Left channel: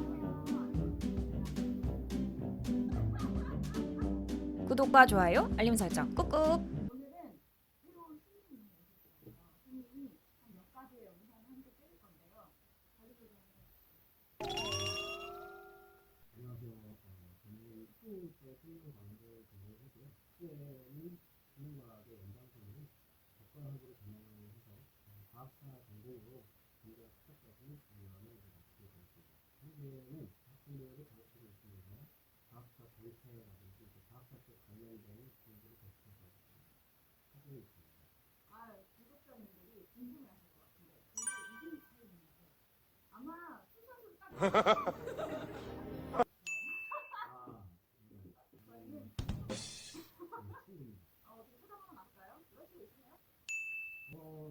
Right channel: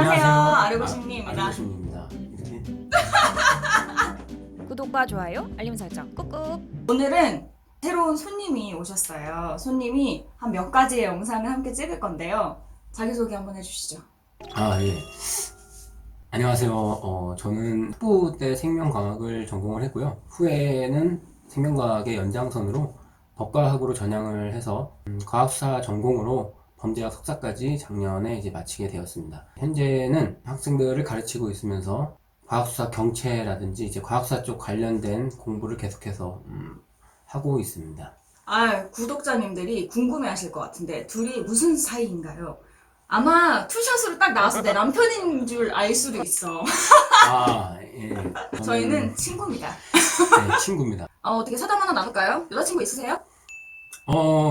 안녕하세요. 아르고심리입니다. 아르고심리입니다. 네. 구독과 좋아요, 알림 설정 꾹꾹. 오늘은 새로운 손님이 오셨어요. 손님이 한 몇 가지의 영상을 함께 찍을 건데요. 자기소개 한번 해주시죠. 예. 안녕하세요. 저는 학부 때 생명과학을 전공을 했고요. 후에는 생명과학의 연장선으로 법과학으로 전향을 해서 과학수사 전공으로 범죄학 석사까지 작년에 이제 마치게 되었습니다. 현재는 학생들을 가르치고 있으면서 과학수사 경채라든지 이제 과학수사 쪽 관련된 공부를 계속해서 하고 있습니다. 구독자님들이 궁금해하실 것 같은데 둘이 무슨 사이인가요? 아마 투샷으로 딱 나왔을 때 남편인 줄 알 수도 있어. 예. 저희는 친구입니다. 네, 친구입니다. 어떻게 사담 하나 나눌까요? 여자친구 있으세요? 뭐,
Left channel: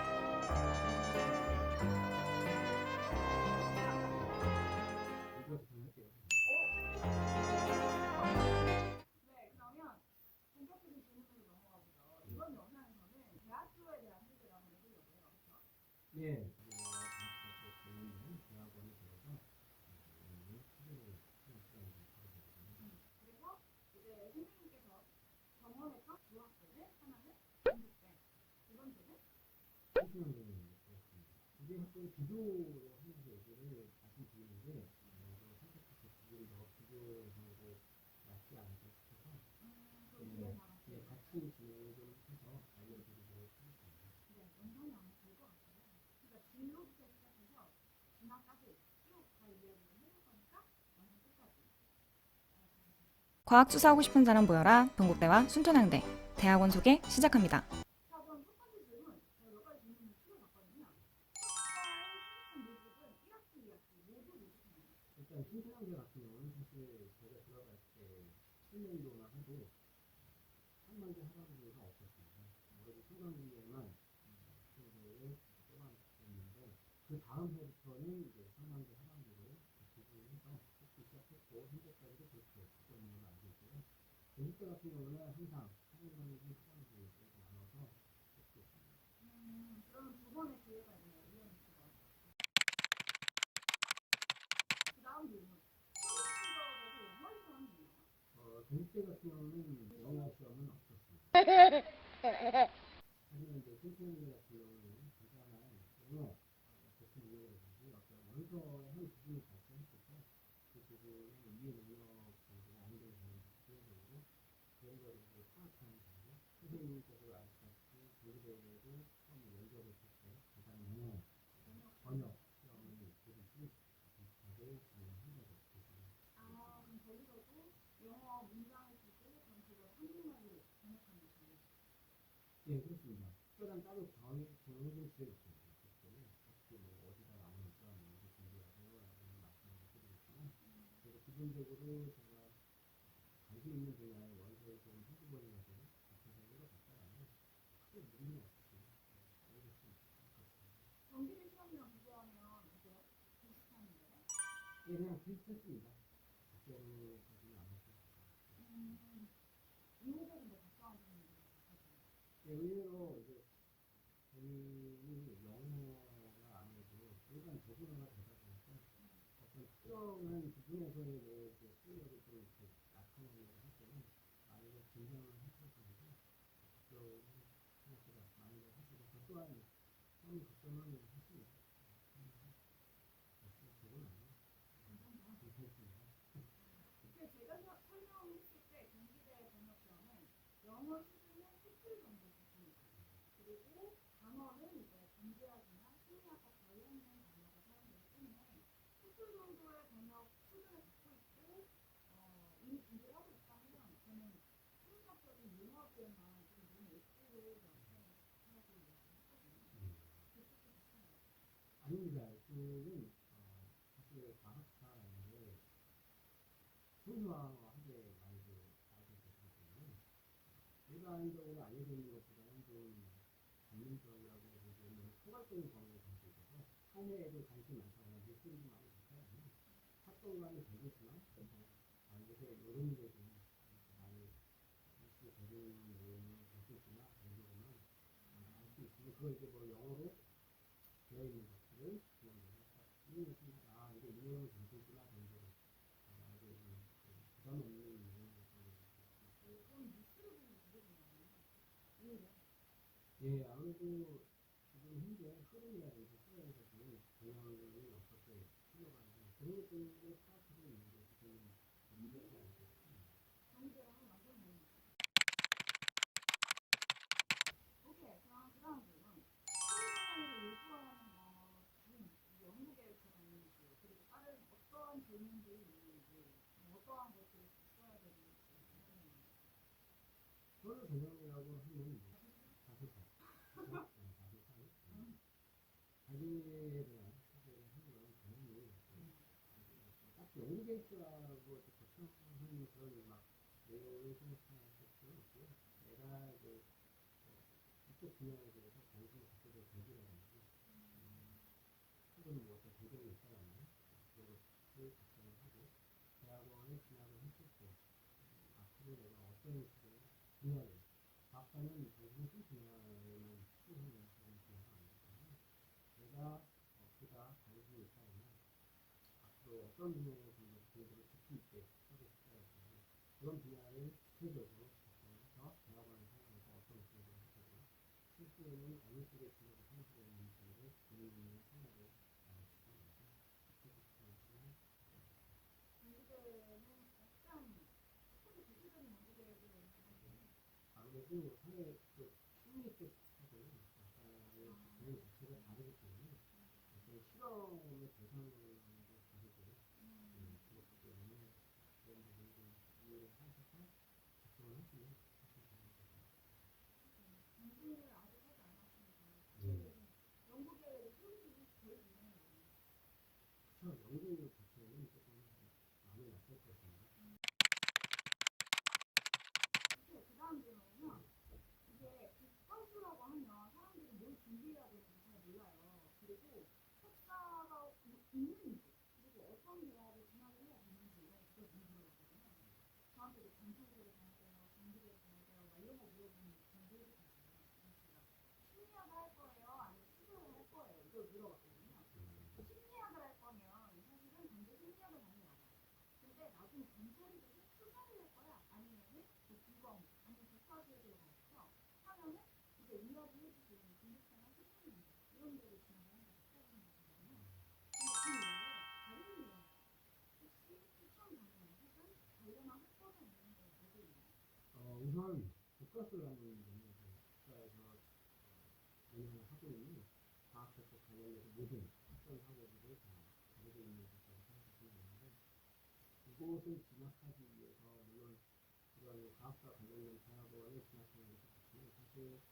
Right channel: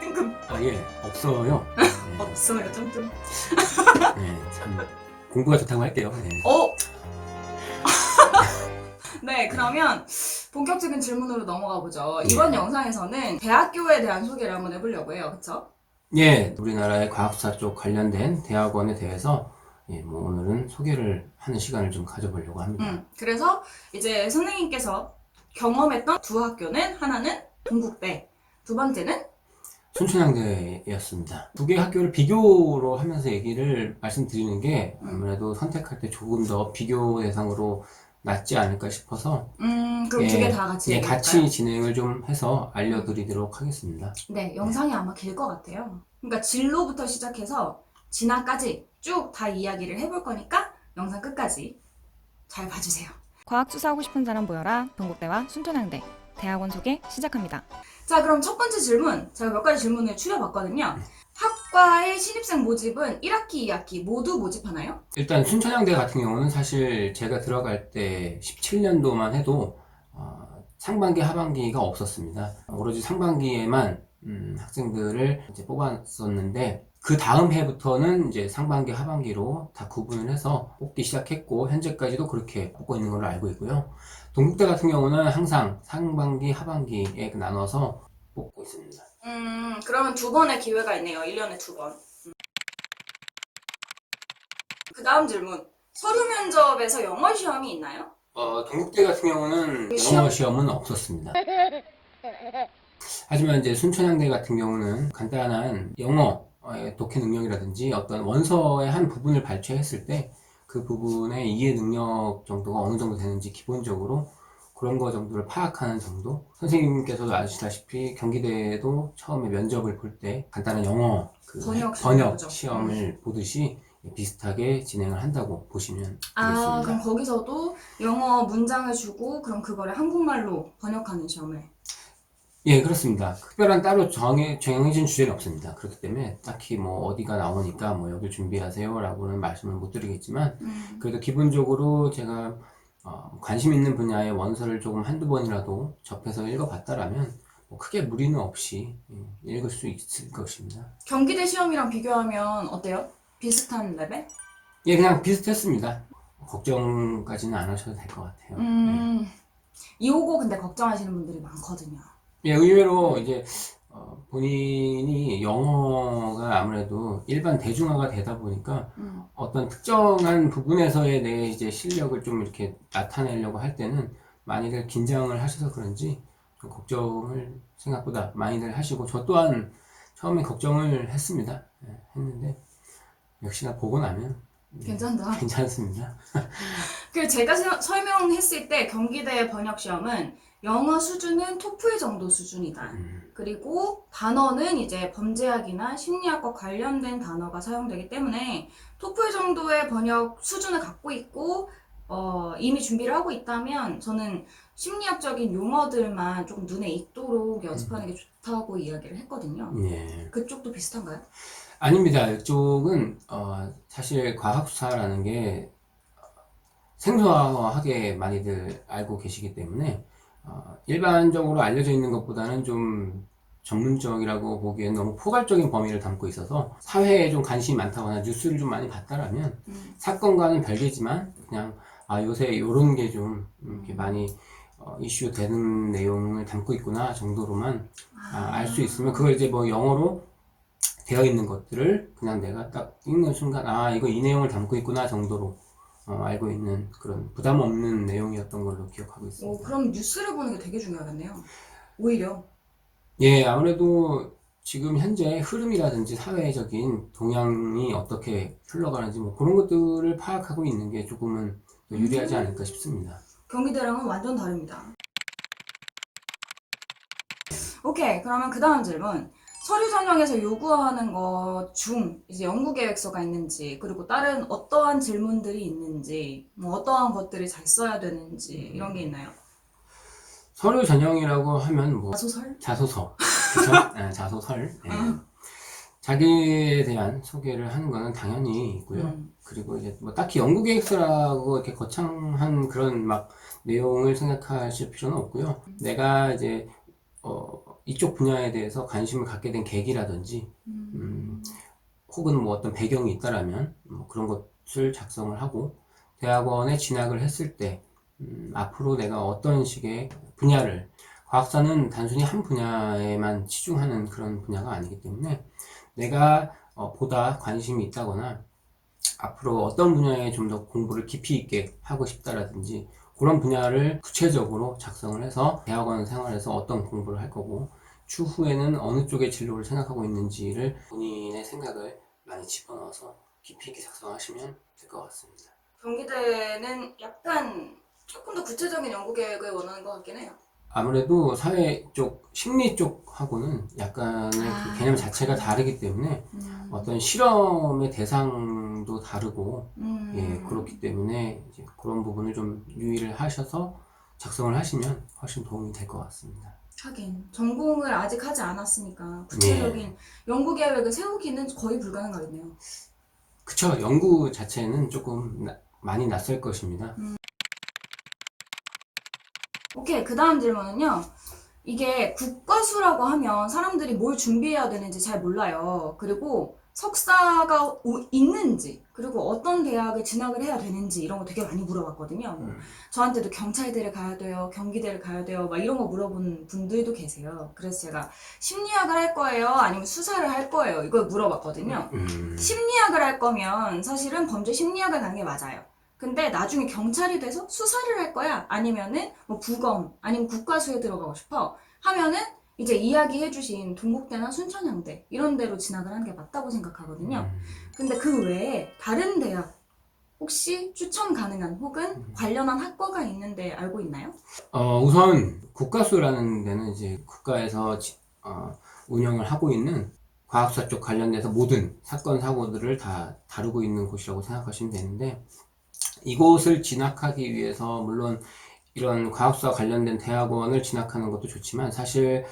뜬금. 예, 없어요. 없어요, 뜬금. 네, 참, 공부가 좋다고 할게요. 네. 네, 그러면 본격적인 질문으로 넘어가 보죠. 이번 영상에서는 대학교에 대한 소개를 한번 해보려고 해요. 그쵸? 예, 우리나라의 과학수사 쪽 관련된 대학원에 대해서 뭐 오늘은 소개를 하는 시간을 좀 가져보려고 합니다. 그래서 이제 선생님께서 경험했던 두 학교는 하나는 동국대, 두 번째는 순천향대였습니다. 두 개의 학교를 비교로 하면서 얘기를 말씀드리는 게 아무래도 선택할 때 조금 더 비교 대상으로 낫지 않을까 싶어서 그럼 두 개 다 같이 예, 얘기할까요? 같이 진행을 좀 해서 알려드리도록 하겠습니다. 네, 영상이 아마 길 것 같아요. 그러니까 진로부터 시작해서 진학까지 쭉 다 이야기를 해볼 거니까 영상 끝까지 잘 봐주세요. 과학 수사하고 싶은 사람 모여라. 동국대와 순천향대 대학원 소개 시작합니다. 자, 그럼 첫 번째 질문, 제가 몇 가지 질문을 추려봤거든요. 학과의 신입생 모집은 1학기, 2학기 모두 모집하나요? 일단 순천향대 같은 경우는 사실 제가 들어갈 때 17년도만 해도 상반기, 하반기가 없었습니다. 오로지 상반기에만 학생들을 이제 뽑았었는데 그 다음 해부터는 이제 상반기, 하반기로 다 구분을 해서 뽑기 시작했고 현재까지도 그렇게 뽑고 있는 걸로 알고 있고요. 동국대 같은 경우는 항상 상반기, 하반기에 나눠서 뽑고 있습니다. 그러면 두 번의 기회가 있네요. 1년에 두 번. 그 다음 질문. 서류 면접에서 영어 시험이 있나요? 동국대 같은 경우는 시험? 영어 시험은 없었습니다. 하지만 이제 순천향대 같은 경우는 간단한 영어의 독해 능력이라든지 어떤 원서의 한 부분을 발췌했을 때 그 부분의 이해 능력 정도가 어느 정도 되는지 기본적으로 그런 거 정도를 파악하는 정도. 선생님께서도 아시다시피 경기대도 처음에 면접을 볼 때 간단한 영어 번역 시험을 보듯이 비슷하게 진행을 한다고 보시면 되겠습니다. 그럼 거기서도 영어 문장을 주고 그럼 그거를 한국말로 번역하는 시험을. 예, 그렇습니다. 특별한 따로 정해진 주제는 없습니다. 그렇기 때문에 딱히 뭐 어디가 나오니까 뭐 여기 준비하세요 라고는 말씀을 못 드리겠지만 그래도 기본적으로 제가 관심 있는 분야의 원서를 조금 한두 번이라도 접해서 읽어봤다라면 뭐 크게 무리는 없이 읽을 수 있을 것입니다. 경기대 시험이랑 비교하면 어때요? 비슷한 레벨? 예, 그냥 비슷했습니다. 걱정까지는 안 하셔도 될 것 같아요. 259 근데 걱정하시는 분들이 많거든요. 예, 의외로 이제 본인이 영어가 아무래도 일반 대중화가 되다 보니까 어떤 특정한 부분에서의 내 이제 실력을 좀 이렇게 나타내려고 할 때는 많이들 긴장을 하셔서 그런지 좀 걱정을 생각보다 많이들 하시고 저 또한 처음에 걱정을 했습니다. 예, 했는데 역시나 보고 나면 괜찮다. 괜찮습니다. 그 제가 설명했을 때 경기대 번역 시험은 영어 수준은 토플 정도 수준이다. 그리고 단어는 이제 범죄학이나 심리학과 관련된 단어가 사용되기 때문에 토플 정도의 번역 수준을 갖고 있고 이미 준비를 하고 있다면 저는 심리학적인 용어들만 조금 눈에 익도록 연습하는 게 좋다고 이야기를 했거든요. 예. 그쪽도 비슷한가요? 아닙니다. 이쪽은 사실 과학수사라는 게 생소하게 많이들 알고 계시기 때문에 일반적으로 알려져 있는 것보다는 좀 전문적이라고 보기엔 너무 포괄적인 범위를 담고 있어서 사회에 좀 관심이 많다거나 뉴스를 좀 많이 봤다라면 사건과는 별개지만 그냥 요새 이런 게 좀 이렇게 많이 이슈 되는 내용을 담고 있구나 정도로만 알 수 있으면 그걸 이제 뭐 영어로 되어 있는 것들을 그냥 내가 딱 읽는 순간 이거 이 내용을 담고 있구나 정도로 알고 있는 그런 부담 없는 내용이었던 걸로 기억하고 있습니다. 그럼 뉴스를 보는 게 되게 중요하겠네요. 오히려. 예, 아무래도 지금 현재 흐름이라든지 사회적인 동향이 어떻게 흘러가는지 뭐 그런 것들을 파악하고 있는 게 조금은 더 유리하지 않을까 싶습니다. 경기대랑은 완전 다릅니다. 오케이, 그러면 그 다음 질문. 서류 전형에서 요구하는 것 중 이제 연구 계획서가 있는지, 그리고 다른 어떠한 질문들이 있는지, 뭐 어떠한 것들을 잘 써야 되는지 이런 게 있나요? 서류 전형이라고 하면 뭐 소설? 자소서, 그쵸? 자소설. 예. 자기에 대한 소개를 하는 거는 당연히 있고요. 그리고 이제 뭐 딱히 연구 계획서라고 이렇게 거창한 그런 막 내용을 생각하실 필요는 없고요. 내가 이제 이쪽 분야에 대해서 관심을 갖게 된 계기라든지 혹은 뭐 어떤 배경이 있다라면 뭐 그런 것을 작성을 하고 대학원에 진학을 했을 때 앞으로 내가 어떤 식의 분야를, 과학사는 단순히 한 분야에만 치중하는 그런 분야가 아니기 때문에 내가 보다 관심이 있다거나 앞으로 어떤 분야에 좀 더 공부를 깊이 있게 하고 싶다라든지 그런 분야를 구체적으로 작성을 해서 대학원 생활에서 어떤 공부를 할 거고 추후에는 어느 쪽의 진로를 생각하고 있는지를 본인의 생각을 많이 집어넣어서 깊이 있게 작성하시면 될 것 같습니다. 경기대는 약간 조금 더 구체적인 연구 계획을 원하는 것 같긴 해요. 아무래도 사회 쪽, 심리 쪽하고는 약간의 그 개념 자체가 다르기 때문에 어떤 실험의 대상도 다르고 예, 그렇기 때문에 이제 그런 부분을 좀 유의를 하셔서 작성을 하시면 훨씬 도움이 될 것 같습니다. 하긴 전공을 아직 하지 않았으니까 구체적인 연구 계획을 세우기는 거의 불가능하겠네요. 그쵸. 연구 자체는 조금 많이 낯설 것입니다. 오케이, 그 다음 질문은요. 이게 국과수라고 하면 사람들이 뭘 준비해야 되는지 잘 몰라요. 그리고 석사가 있는지, 그리고 어떤 대학에 진학을 해야 되는지 이런 거 되게 많이 물어봤거든요. 저한테도 경찰대를 가야 돼요, 경기대를 가야 돼요, 막 이런 거 물어본 분들도 계세요. 그래서 제가 심리학을 할 거예요, 아니면 수사를 할 거예요, 이걸 물어봤거든요. 심리학을 할 거면 사실은 범죄 심리학을 가는 게 맞아요. 근데 나중에 경찰이 돼서 수사를 할 거야? 아니면은 뭐 부검, 아니면 국과수에 들어가고 싶어? 하면은 이제 이야기해주신 동국대나 순천향대 이런 데로 진학을 하는 게 맞다고 생각하거든요. 근데 그 외에 다른 대학 혹시 추천 가능한 혹은 관련한 학과가 있는데 알고 있나요? 우선 국가수라는 데는 이제 국가에서 운영을 하고 있는 과학사 쪽 관련돼서 모든 사건 사고들을 다 다루고 있는 곳이라고 생각하시면 되는데 이곳을 진학하기 위해서 물론 이런 과학수와 관련된 대학원을 진학하는 것도 좋지만 사실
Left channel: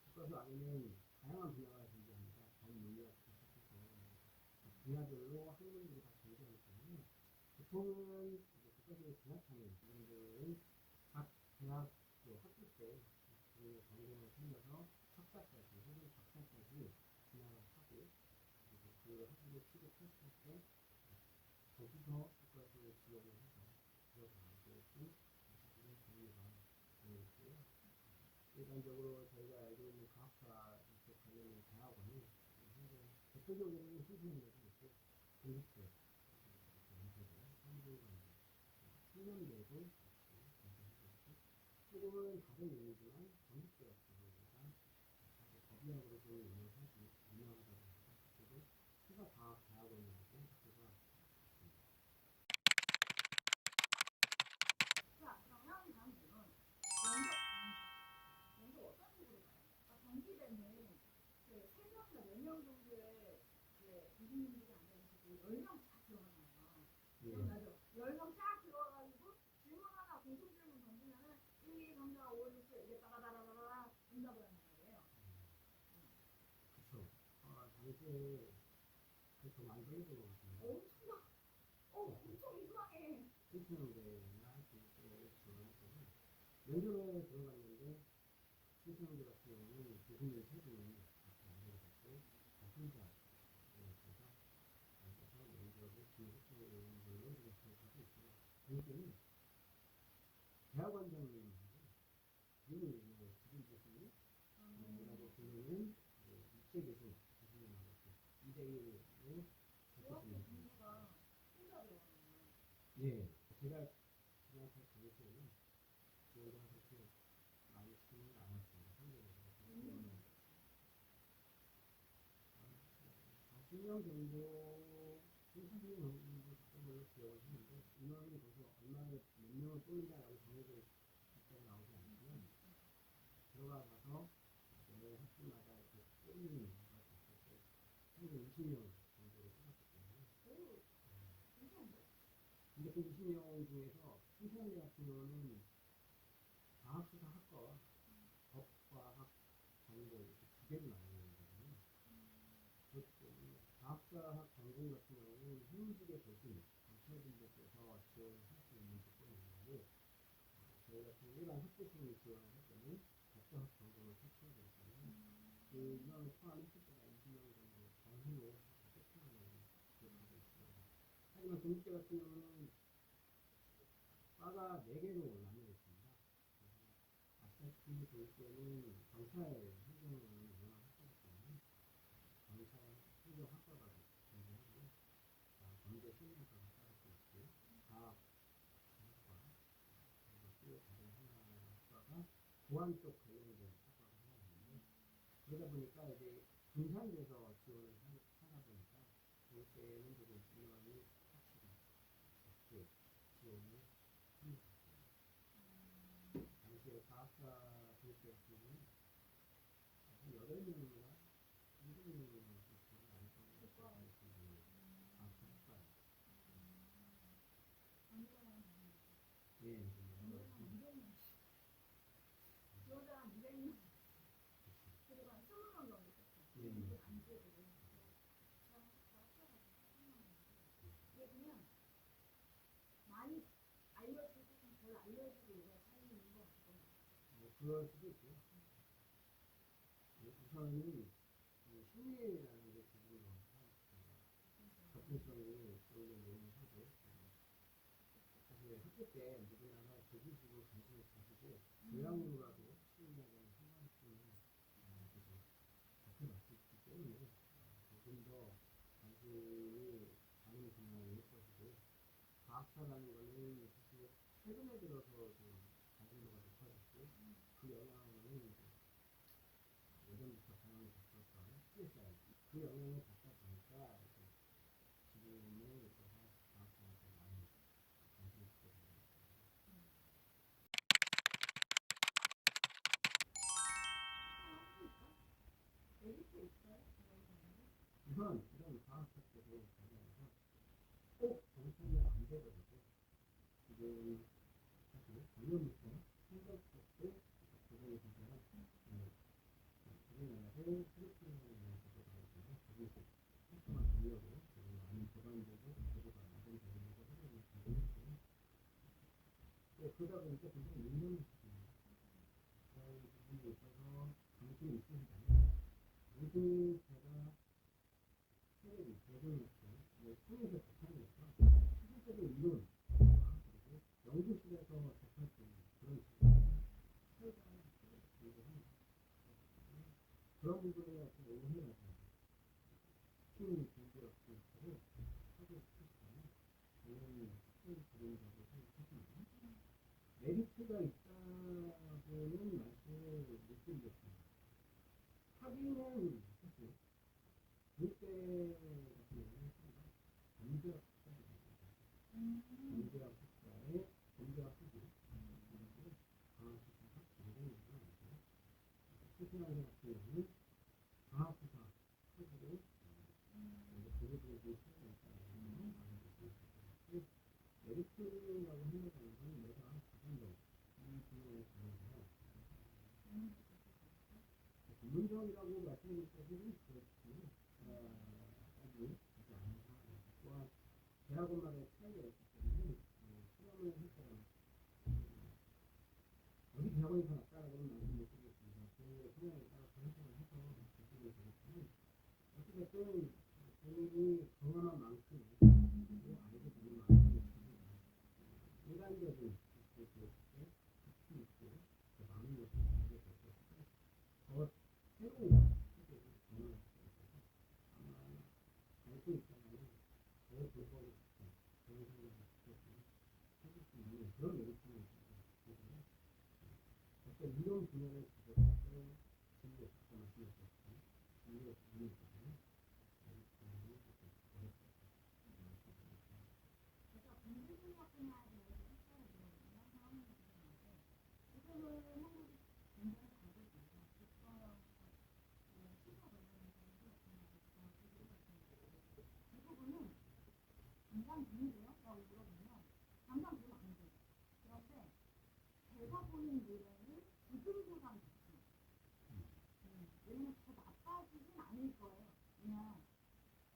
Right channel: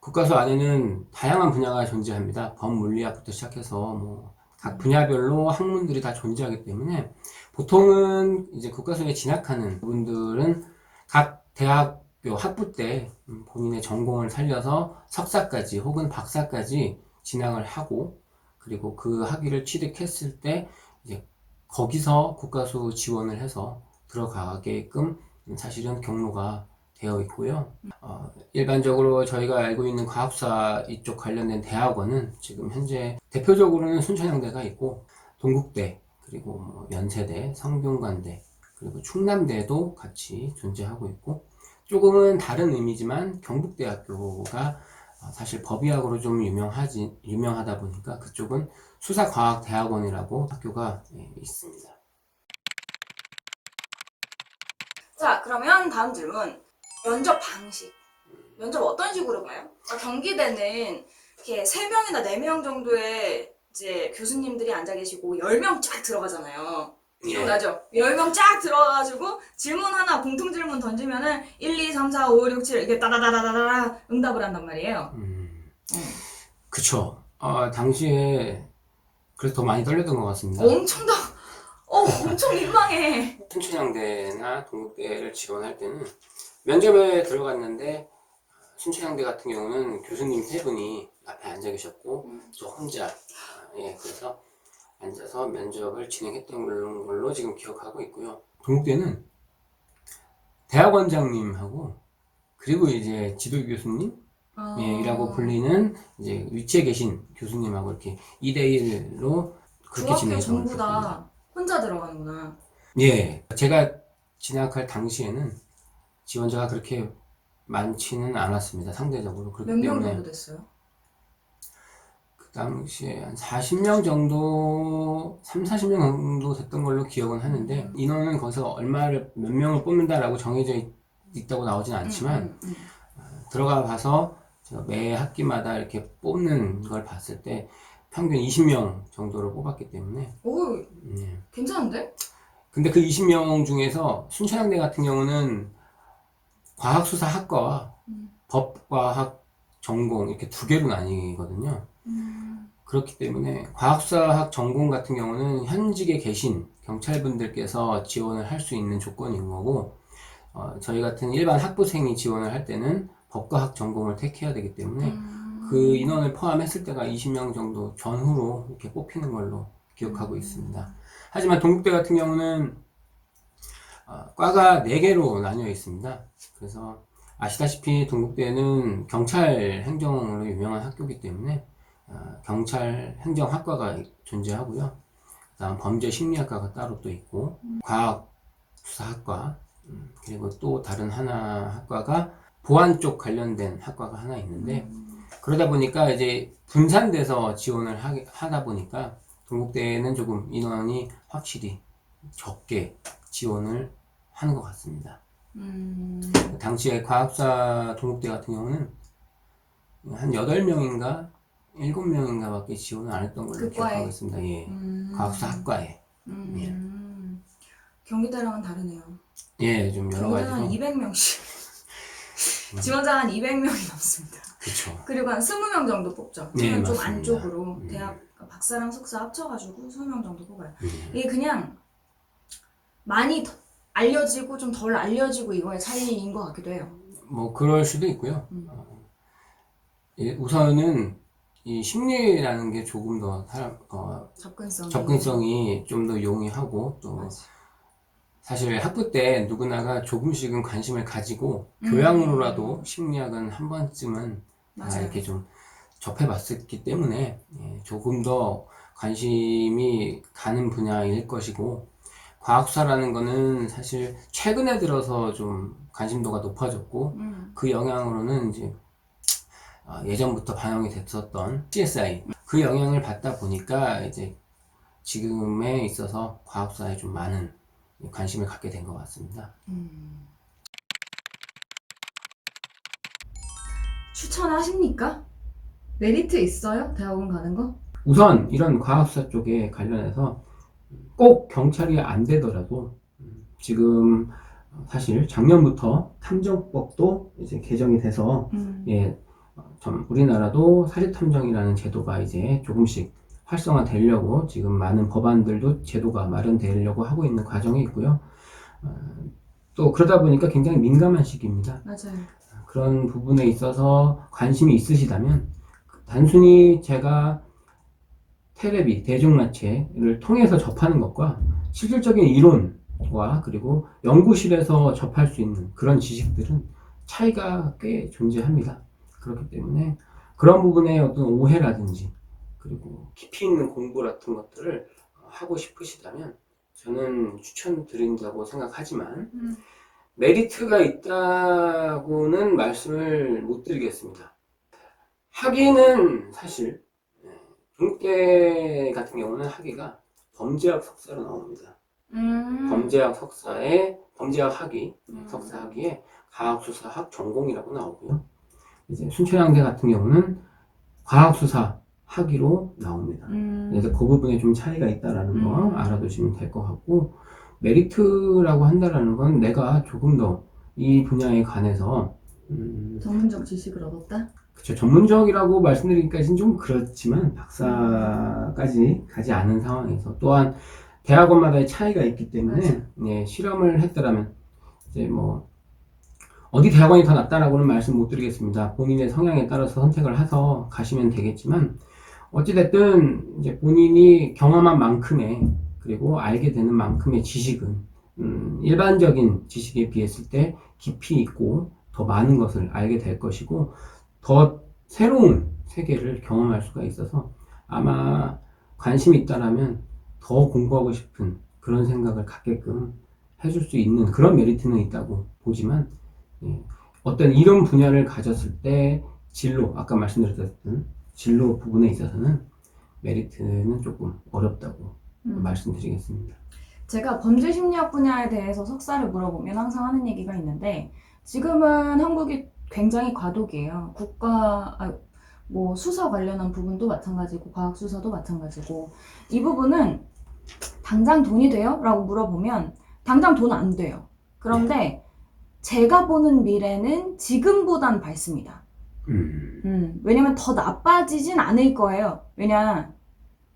국가수 안에는 다양한 분야가 존재합니다. 법물리학부터 시작해서 뭐 각 분야별로 학문들이 다 존재하기 때문에 보통은 이제 국가수에 진학하는 분들은 각 대학교 학부 때 본인의 전공을 살려서 석사까지 혹은 박사까지 진학을 하고 그리고 그 학위를 취득했을 때 이제 거기서 국가수 지원을 해서 들어가게끔 사실은 경로가 되어 있고요. 일반적으로 저희가 알고 있는 과학사 이쪽 관련된 대학원은 지금 현재 대표적으로는 순천향대가 있고 동국대 그리고 뭐 연세대, 성균관대 그리고 충남대도 같이 존재하고 있고 조금은 다른 의미지만 경북대학교가 사실 법의학으로 좀 유명하다 보니까 그쪽은 수사과학대학원이라고 학교가 있습니다. 자, 그러면 다음 질문. 면접 방식. 면접 어떤 식으로 봐요? 경기대는 이렇게 3명이나 4명 정도의 이제 교수님들이 앉아 계시고 10명 쫙 들어가잖아요. 기억나죠? 10명 쫙 들어가가지고 질문 하나, 공통 질문 던지면은 1, 2, 3, 4, 5, 6, 7 이렇게 따다다다다다 응답을 한단 말이에요. 그쵸. 당시에 그래서 더 많이 떨렸던 것 같습니다. 엄청 민망해. 순천향대나 동국대를 지원할 때는 면접에 들어갔는데 순천향대 같은 경우는 교수님 3분이 앞에 앉아 계셨고 저 혼자 그래서 앉아서 면접을 진행했던 걸로 지금 기억하고 있고요. 동국대는 대학원장님하고 그리고 이제 지도 교수님 예, 이라고 불리는 이제 위치에 계신 교수님하고 이렇게 2대1로 그렇게 중학교 진행했던 걸 전부 들었습니다. 다 혼자 들어가는구나. 예, 제가 진학할 당시에는 지원자가 그렇게 많지는 않았습니다. 상대적으로. 몇 그렇기 명 때문에 정도 됐어요? 그 당시에 한 40명 정도, 40명 정도 됐던 걸로 기억은 하는데 인원은 거기서 몇 명을 뽑는다라고 정해져 있다고 나오진 않지만 들어가 봐서 제가 매 학기마다 이렇게 뽑는 걸 봤을 때 평균 20명 정도를 뽑았기 때문에 오, 예. 괜찮은데? 근데 그 20명 중에서 순천향대 같은 경우는 과학수사학과와 법과학 전공 이렇게 두 개로 나뉘거든요. 그렇기 때문에 과학수사학 전공 같은 경우는 현직에 계신 경찰분들께서 지원을 할 수 있는 조건인 거고 저희 같은 일반 학부생이 지원을 할 때는 법과학 전공을 택해야 되기 때문에 그 인원을 포함했을 때가 20명 정도 전후로 이렇게 뽑히는 걸로 기억하고 있습니다. 하지만 동국대 같은 경우는 과가 4개로 나뉘어 있습니다. 그래서 아시다시피 동국대는 경찰 행정으로 유명한 학교이기 때문에 경찰 행정학과가 존재하고요. 그다음 범죄 심리학과가 따로 또 있고 과학수사학과 그리고 또 다른 하나 학과가 보안 쪽 관련된 학과가 하나 있는데 그러다 보니까 이제 분산돼서 지원을 하다 보니까 동국대는 조금 인원이 확실히 적게 지원을 하는 것 같습니다. 당시에 과학사 동국대 같은 경우는 한 8명인가 7명인가 밖에 지원을 안 했던 걸로 그 기억하고 과에? 있습니다. 예. 과학사 학과에. 예. 경기대랑은 다르네요. 예, 좀 여러 경기대는 한 가지로. 200명씩. 지원자 한 200명이 넘습니다. 그렇죠. 그리고 한 20명 정도 뽑죠. 네, 그러면 좀 맞습니다. 안쪽으로 대학 박사랑 석사 합쳐가지고 20명 정도 뽑아요. 이게 그냥 많이 알려지고 좀 덜 알려지고 이거의 차이인 것 같기도 해요. 뭐 그럴 수도 있고요. 예, 우선은 이 심리라는 게 조금 더 접근성이 좀 더 용이하고 또 맞아. 사실 학부 때 누구나가 조금씩은 관심을 가지고 교양으로라도 심리학은 한 번쯤은 맞아요. 이렇게 좀 접해봤었기 때문에 조금 더 관심이 가는 분야일 것이고 과학수사라는 거는 사실 최근에 들어서 좀 관심도가 높아졌고 그 영향으로는 이제 예전부터 반영이 됐었던 CSI 그 영향을 받다 보니까 이제 지금에 있어서 과학수사에 좀 많은 관심을 갖게 된 것 같습니다. 추천하십니까? 메리트 있어요? 대학원 가는 거? 우선 이런 과학수사 쪽에 관련해서 꼭 경찰이 안 되더라도 지금 사실 작년부터 탐정법도 이제 개정이 돼서 우리나라도 사립탐정이라는 제도가 이제 조금씩 활성화되려고 지금 많은 법안들도 제도가 마련되려고 하고 있는 과정에 있고요. 또 그러다 보니까 굉장히 민감한 시기입니다. 맞아요. 그런 부분에 있어서 관심이 있으시다면 단순히 제가 테레비, 대중마체를 통해서 접하는 것과 실질적인 이론과 그리고 연구실에서 접할 수 있는 그런 지식들은 차이가 꽤 존재합니다. 그렇기 때문에 그런 부분에 어떤 오해라든지 그리고 깊이 있는 공부 같은 것들을 하고 싶으시다면 저는 추천드린다고 생각하지만 메리트가 있다고는 말씀을 못 드리겠습니다. 학위는 사실 동국대 같은 경우는 학위가 범죄학 석사로 나옵니다. 범죄학 석사에 범죄학 학위, 석사 학위에 과학수사학 전공이라고 나오고요. 이제 순천향대 같은 경우는 과학수사 학위로 나옵니다. 그래서 그 부분에 좀 차이가 있다라는 거 알아두시면 될 것 같고 메리트라고 한다라는 건 내가 조금 더 이 분야에 관해서 전문적 지식을 얻었다? 그쵸, 전문적이라고 말씀드리기까지는 좀 그렇지만 박사까지 가지 않은 상황에서 또한 대학원마다의 차이가 있기 때문에 실험을 했더라면 이제 뭐 어디 대학원이 더 낫다라고는 말씀 못 드리겠습니다. 본인의 성향에 따라서 선택을 해서 가시면 되겠지만 어찌됐든 이제 본인이 경험한 만큼의 그리고 알게 되는 만큼의 지식은 일반적인 지식에 비했을 때 깊이 있고 더 많은 것을 알게 될 것이고 더 새로운 세계를 경험할 수가 있어서 아마 관심이 있다라면 더 공부하고 싶은 그런 생각을 갖게끔 해줄 수 있는 그런 메리트는 있다고 보지만, 예, 어떤 이런 분야를 가졌을 때 진로, 아까 말씀드렸던 진로 부분에 있어서는 메리트는 조금 어렵다고 말씀드리겠습니다. 제가 범죄심리학 분야에 대해서 석사를 물어보면 항상 하는 얘기가 있는데, 지금은 한국이 굉장히 과도기예요. 뭐 수사 관련한 부분도 마찬가지고 과학 수사도 마찬가지고, 이 부분은 당장 돈이 돼요? 라고 물어보면 당장 돈 안 돼요. 그런데 제가 보는 미래는 지금보단 밝습니다. 왜냐면 더 나빠지진 않을 거예요. 왜냐,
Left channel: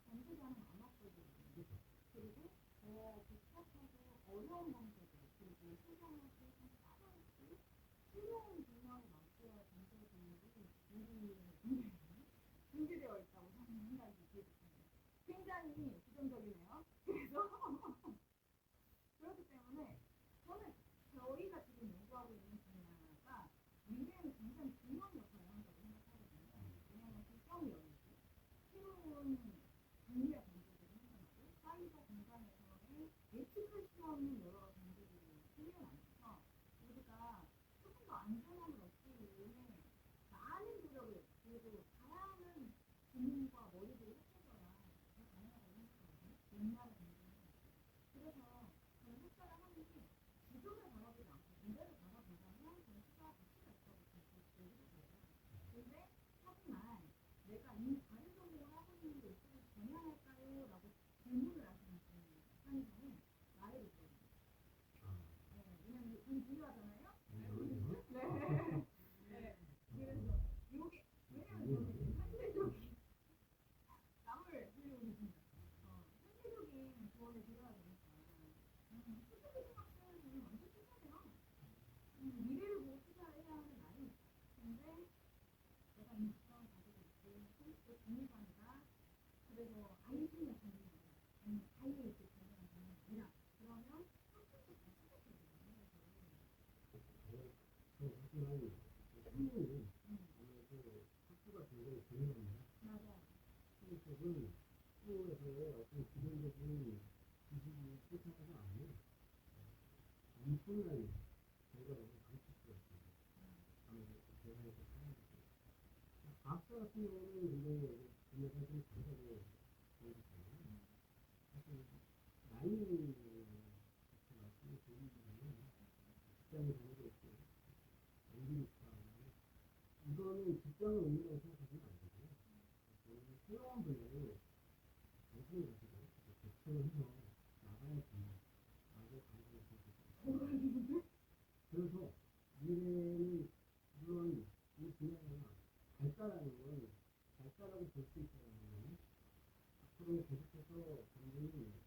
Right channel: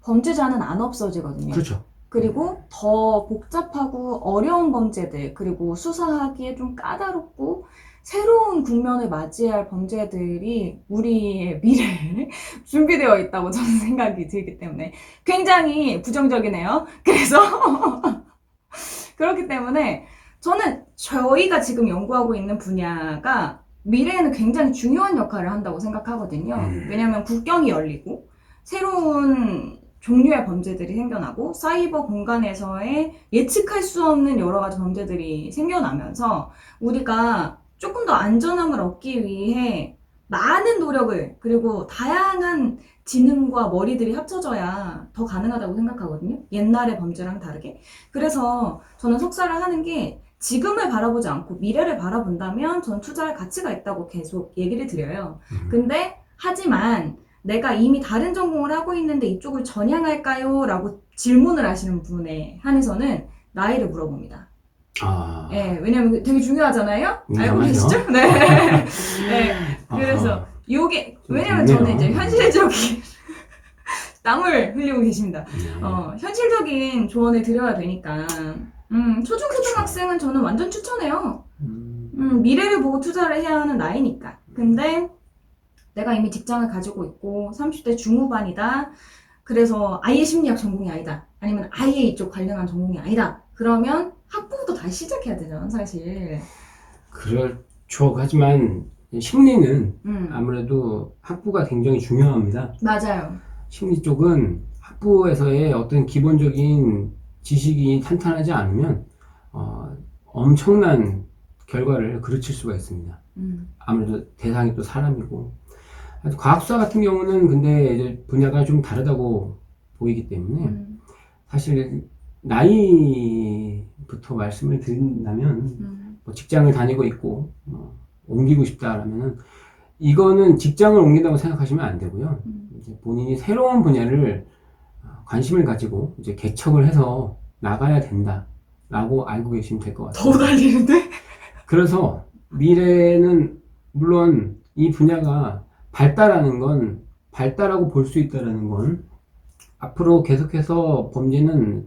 범죄자는 안 없어지거든요. 그렇죠. 그리고 더 복잡하고 어려운 범죄들, 그리고 수사하기에 좀 까다롭고 새로운 국면을 맞이할 범죄들이 우리의 미래에 준비되어 있다고 저는 생각이 들기 때문에 굉장히 부정적이네요. 그래서 그렇기 때문에 저는 저희가 지금 연구하고 있는 분야가 미래에는 굉장히 중요한 역할을 한다고 생각하거든요. 왜냐하면 국경이 열리고 새로운 종류의 범죄들이 생겨나고 사이버 공간에서의 예측할 수 없는 여러 가지 범죄들이 생겨나면서 우리가 조금 더 안전함을 얻기 위해 많은 노력을, 그리고 다양한 지능과 머리들이 합쳐져야 더 가능하다고 생각하거든요. 옛날의 범죄랑 다르게. 그래서 저는 석사를 하는 게 지금을 바라보지 않고 미래를 바라본다면 저는 투자할 가치가 있다고 계속 얘기를 드려요. 근데 하지만 내가 이미 다른 전공을 하고 있는데 이쪽을 전향할까요? 라고 질문을 하시는 분에 한해서는 나이를 물어봅니다. 네, 왜냐면 되게 중요하잖아요? 알고 계시죠? 네. 네. 그래서 요게, 왜냐면 저는 이제 현실적인 땀을 흘리고 계십니다. 현실적인 조언을 드려야 되니까. 초중고등학생은 저는 완전 추천해요. 미래를 보고 투자를 해야 하는 나이니까. 근데 내가 이미 직장을 가지고 있고 30대 중후반이다. 그래서 아예 심리학 전공이 아니다. 아니면 아예 이쪽 관련한 전공이 아니다. 그러면 학부부터 다시 시작해야 되잖아, 사실. 그렇죠. 하지만 심리는 아무래도 학부가 굉장히 중요합니다. 맞아요. 심리 쪽은 학부에서의 어떤 기본적인 지식이 탄탄하지 않으면 엄청난 결과를 그르칠 수가 있습니다. 아무래도 대상이 또 사람이고, 과학수사 같은 경우는 근데 이제 분야가 좀 다르다고 보이기 때문에 사실 나이부터 말씀을 드린다면 뭐 직장을 다니고 있고 옮기고 싶다라면은 이거는 직장을 옮긴다고 생각하시면 안 되고요. 이제 본인이 새로운 분야를 관심을 가지고 이제 개척을 해서 나가야 된다라고 알고 계시면 될 것 같아요. 더 달리는데? 그래서 미래는 물론 이 분야가 발달하고 볼 수 있다라는 건 앞으로 계속해서 범죄는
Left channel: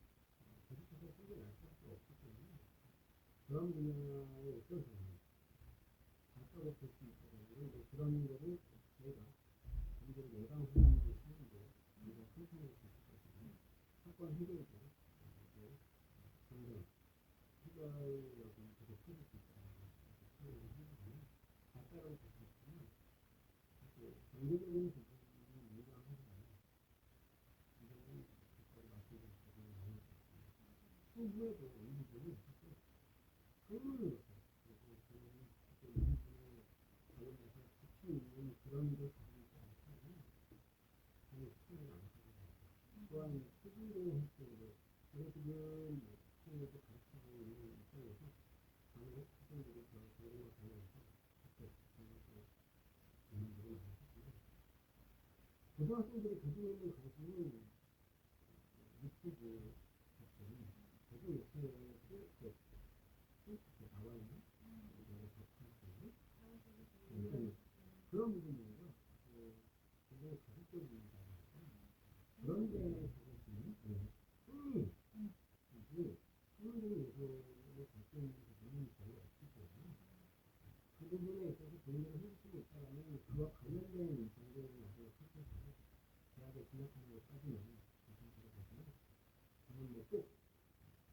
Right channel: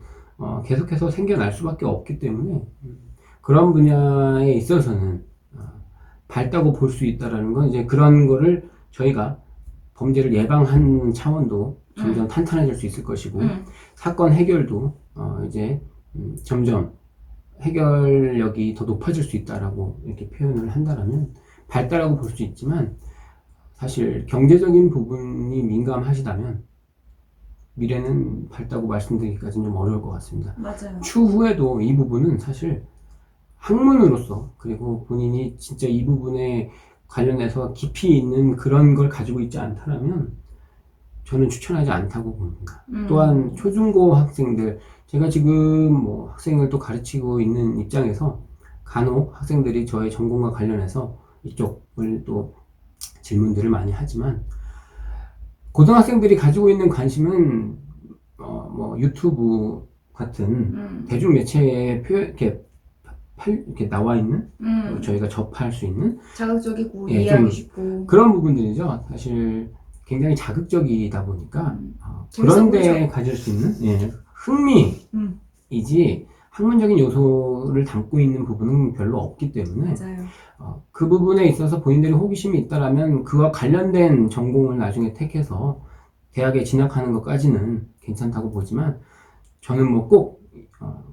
계속해서 생겨날 수밖에 없기 때문에 그런 분야에 있어서는 밝다고 볼 수 있다라는 건 이제 그런 거를 저희가 범죄를 예방하는 차원도 점점 탄탄해질 수 있을 것이고 사건 해결도 이제 점점 해결력이 더 높아질 수 있다라고 이렇게 표현을 한다라면 밝다라고 볼 수 있지만, 사실 경제적인 부분이 민감하시다면 미래는 밝다고 말씀드리기까지는 좀 어려울 것 같습니다. 맞아요. 추후에도 이 부분은 사실 학문으로서, 그리고 본인이 진짜 이 부분에 관련해서 깊이 있는 그런 걸 가지고 있지 않다면 저는 추천하지 않다고 봅니다. 또한 초중고 학생들, 제가 지금 뭐 학생을 또 가르치고 있는 입장에서 간혹 학생들이 저의 전공과 관련해서 이쪽을 또 질문들을 많이 하지만, 고등학생들이 가지고 있는 관심은 뭐 유튜브 같은 대중 매체에 이렇게 나와 있는 저희가 접할 수 있는 자극적이고 예, 이해하기 쉽고 그런 부분들이죠. 사실 굉장히 자극적이다 보니까 그런데 가질 수 있는 흥미이지 학문적인 요소를 담고 있는 부분은 별로 없기 때문에 맞아요. 그 부분에 있어서 본인들이 호기심이 있다라면 그와 관련된 전공을 나중에 택해서 대학에 진학하는 것까지는 괜찮다고 보지만, 저는 뭐 꼭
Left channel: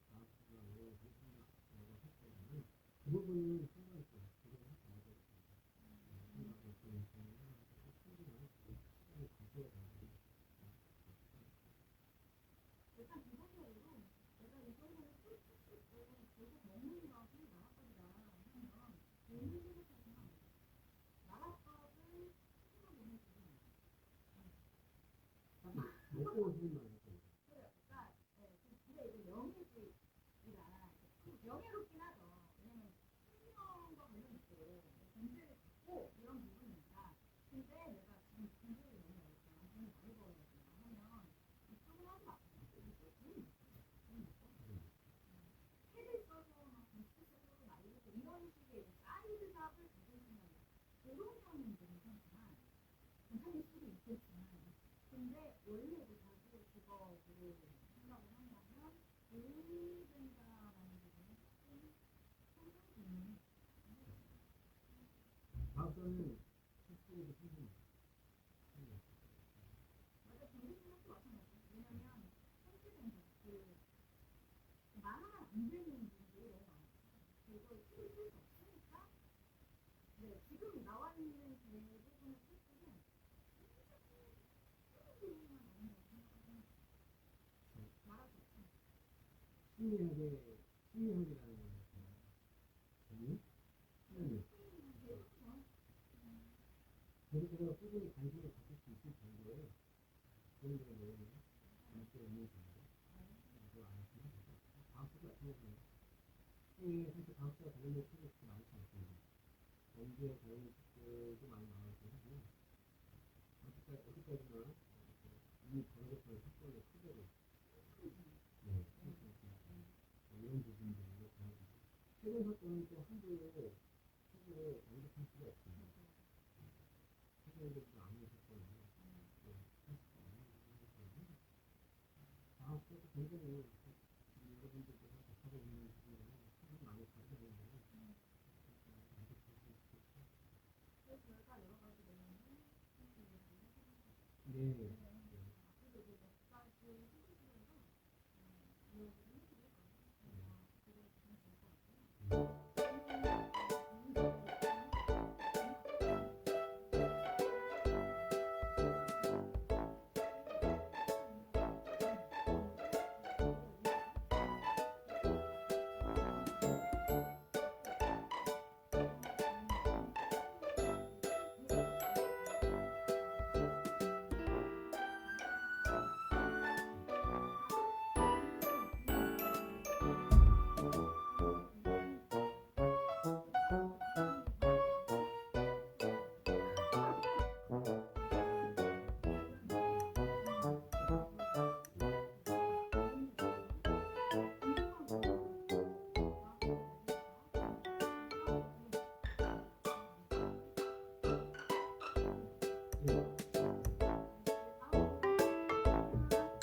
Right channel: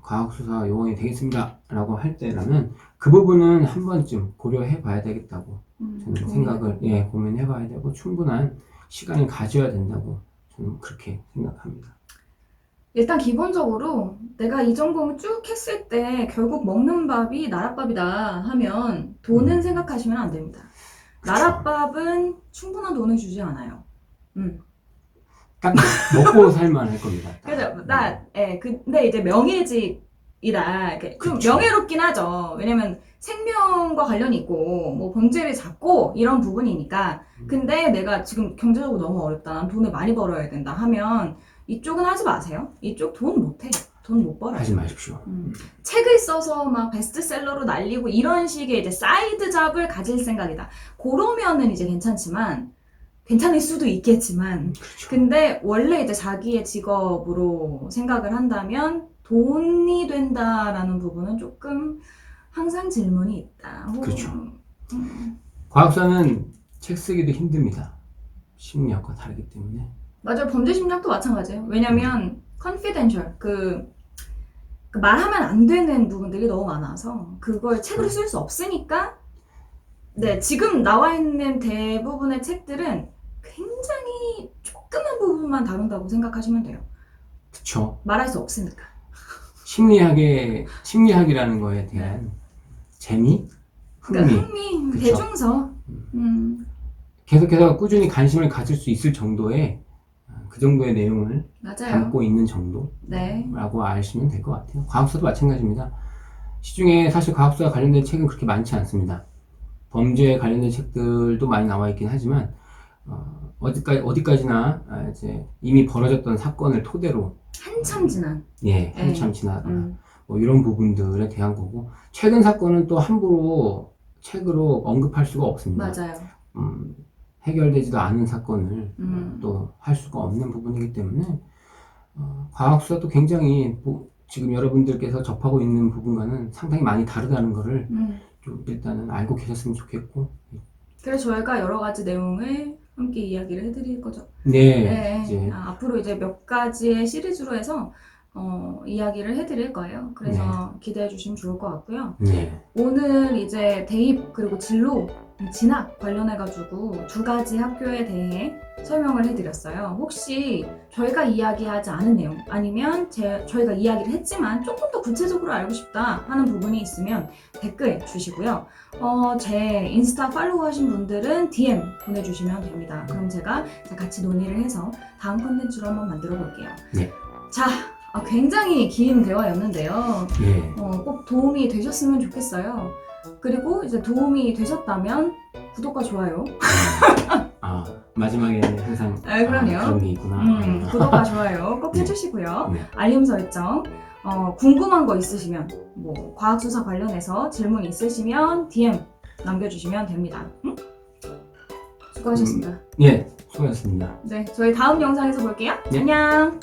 과학수사 요원이 되겠습니다 라고 할 때라면 그 부분은 한 번쯤 고려해 봐야 되겠다고 저는 생각을 고민해 봐야 되고 충분한 시간을 가져야 된다고 저는 그렇게 생각합니다. 일단 기본적으로 내가 이 정보를 쭉 했을 때 결국 먹는 밥이 나랏밥이다 하면 돈은 생각하시면 안 됩니다. 그쵸. 나랏밥은 충분한 돈을 주지 않아요. 딱 먹고 살만 할 겁니다. 그래서 근데 이제 명예직이다. 이렇게 좀 그쵸. 명예롭긴 하죠. 왜냐면 생명과 관련이 있고 뭐 범죄를 잡고 이런 부분이니까. 근데 내가 지금 경제적으로 너무 어렵다. 난 돈을 많이 벌어야 된다 하면 이쪽은 하지 마세요. 이쪽 돈 못해. 돈 못 벌어요. 하지 마십시오. 책을 써서 막 베스트셀러로 날리고 이런 식의 이제 사이드 잡을 가질 생각이다. 그러면은 이제 괜찮지만 괜찮을 수도 있겠지만 그렇죠. 근데 원래 이제 자기의 직업으로 생각을 한다면 돈이 된다라는 부분은 조금 항상 질문이 있다. 그렇죠. 과학사는 책 쓰기도 힘듭니다. 심리학과 다르기 때문에. 맞아요. 범죄 심리학도 마찬가지예요. 왜냐면 confidential 그 말하면 안 되는 부분들이 너무 많아서 그걸 책으로 쓸 수 없으니까 네, 지금 나와 있는 대부분의 책들은 굉장히 조그만 부분만 다룬다고 생각하시면 돼요. 그쵸. 말할 수 없으니까. 심리학이라는 거에 대한 재미? 그러니까 흥미. 흥미, 그쵸. 대중서. 계속해서 꾸준히 관심을 가질 수 있을 정도의 그 정도의 내용을 맞아요. 담고 있는 정도라고 네. 아시면 될 것 같아요. 과학수사도 마찬가지입니다. 시중에 사실 과학수사 관련된 책은 그렇게 많지 않습니다. 범죄에 관련된 책들도 많이 나와 있긴 하지만 어디까지나 이제 이미 벌어졌던 사건을 토대로 한참 지난. 한참 지나거나 뭐 이런 부분들에 대한 거고 최근 사건은 또 함부로 책으로 언급할 수가 없습니다. 맞아요. 해결되지도 않은 사건을 또 할 수가 없는 부분이기 때문에 과학수사도 굉장히 지금 여러분들께서 접하고 있는 부분과는 상당히 많이 다르다는 거를 좀 일단은 알고 계셨으면 좋겠고 그래서 저희가 여러 가지 내용을 함께 이야기를 해드릴 거죠. 이제 앞으로 이제 몇 가지의 시리즈로 해서 이야기를 해드릴 거예요. 그래서 기대해 주시면 좋을 것 같고요. 오늘 이제 대입 그리고 진로, 진학 관련해가지고 두 가지 학교에 대해 설명을 해드렸어요. 혹시 저희가 이야기하지 않은 내용 아니면 저희가 이야기를 했지만 조금 더 구체적으로 알고 싶다 하는 부분이 있으면 댓글 주시고요. 제 인스타 팔로우 하신 분들은 DM 보내주시면 됩니다. 그럼 제가 같이 논의를 해서 다음 콘텐츠로 한번 만들어 볼게요. 자, 굉장히 긴 대화였는데요. 꼭 도움이 되셨으면 좋겠어요. 그리고 이제 도움이 되셨다면 구독과 좋아요. 마지막에는 항상 그럼요. 그런 게 있구나. 구독과 좋아요 꼭 해주시고요. 알림 설정. 궁금한 거 있으시면 뭐 과학수사 관련해서 질문 있으시면 DM 남겨주시면 됩니다. 수고하셨습니다. 수고하셨습니다. 네, 저희 다음 영상에서 볼게요. 안녕.